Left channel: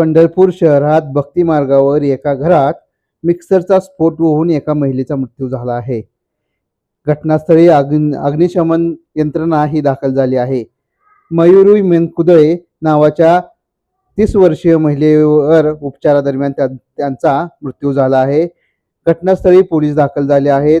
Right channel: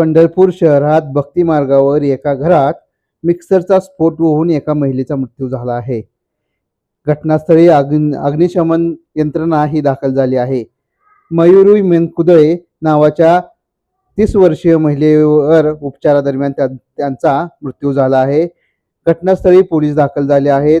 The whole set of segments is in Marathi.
पंढरपूर शहरात भक्ती मार्गावर एका घरात मिक्सरचा स्फोट होऊन एका महिलेचा मृत्यू झाला आहे. घटनास्थळी अग्न अग्निशमन यंत्रणा ही दाखल झाली आहे. मयुरी मेनकुदळे नावाच्या तीस वर्षीय महिलेवर उपचारादरम्यान त्यांचा मृत्यू झाला आहे. घटनास्थळी पोलीस दाखल झाले आहेत.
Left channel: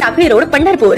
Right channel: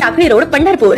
சகரோட பண்ணார் போல